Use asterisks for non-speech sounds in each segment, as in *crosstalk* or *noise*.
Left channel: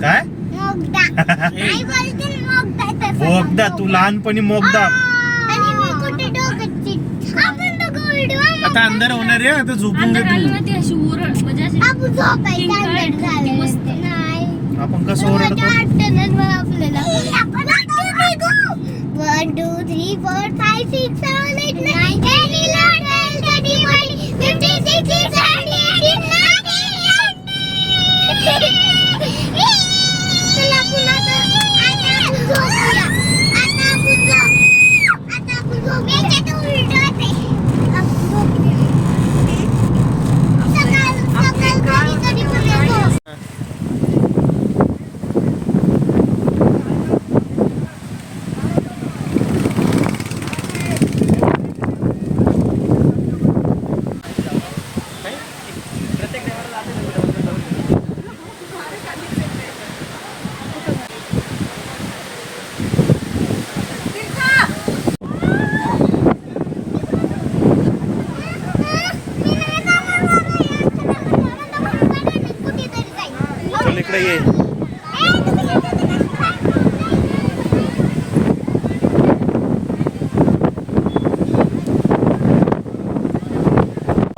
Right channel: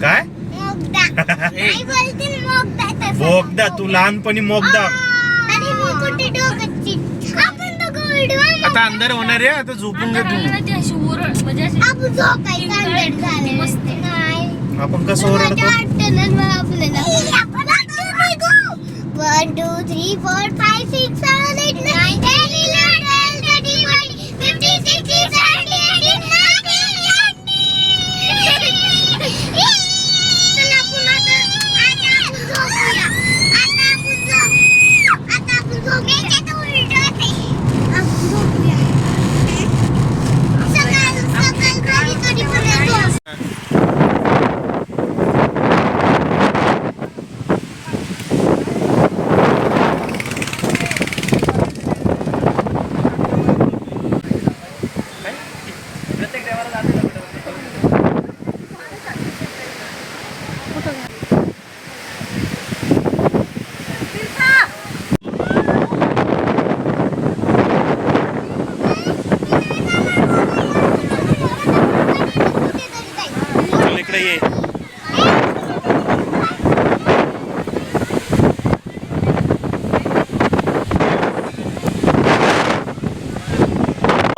काय? मोगदा. *laughs* तू लहानपणी मोगदा. आता अंदर होणार आहे आता झोपून घे आपण कसं ओरडतो? आपल्याला. One two three four five six seven इकडे ये.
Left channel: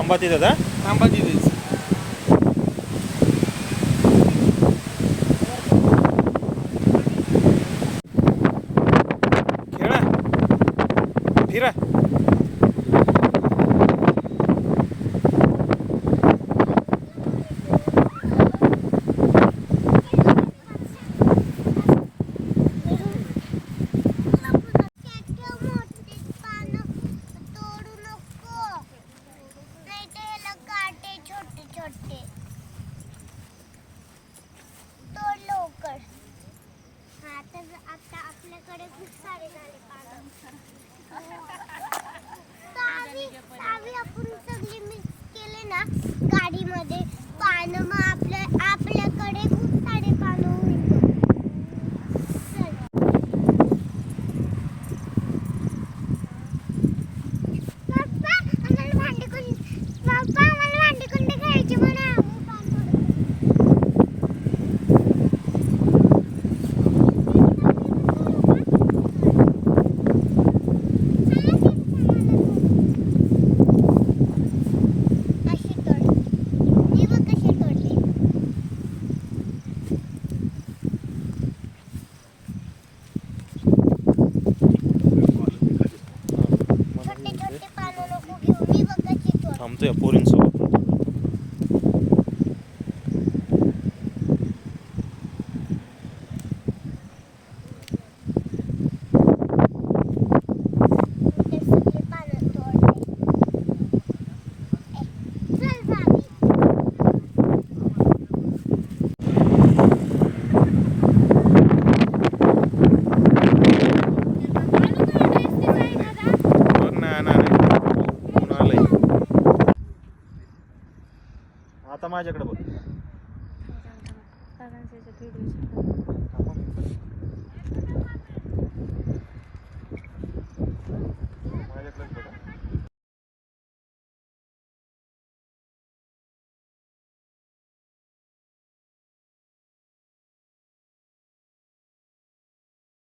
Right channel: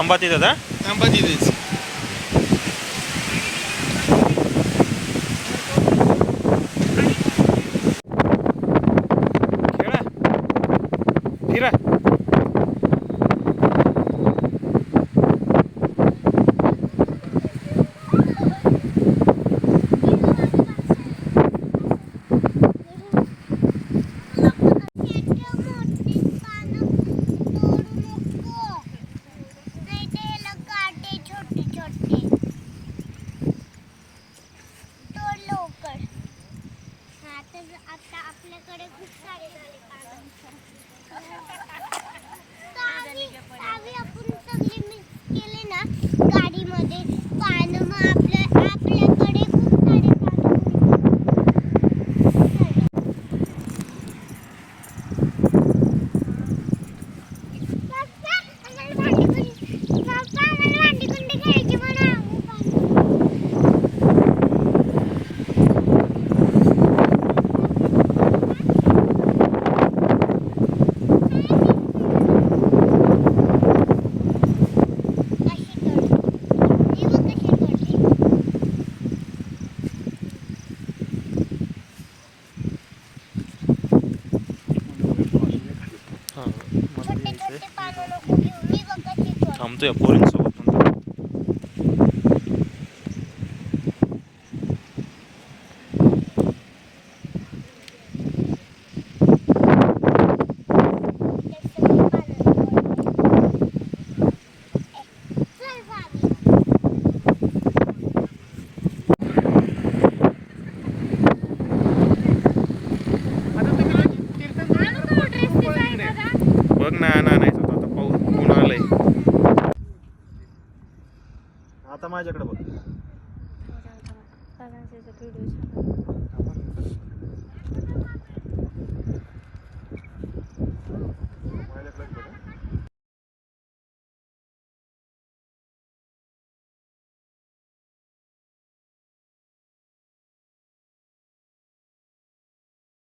अंबाती दादा अंबाती खेळा. फिरा आता आपल्याकडे खूप सारे झाले पानं. आपण सगळे मिक्स केले ना गाडीमध्ये पानं tanıtı yapıyor. आता माझ्याकडे बघ.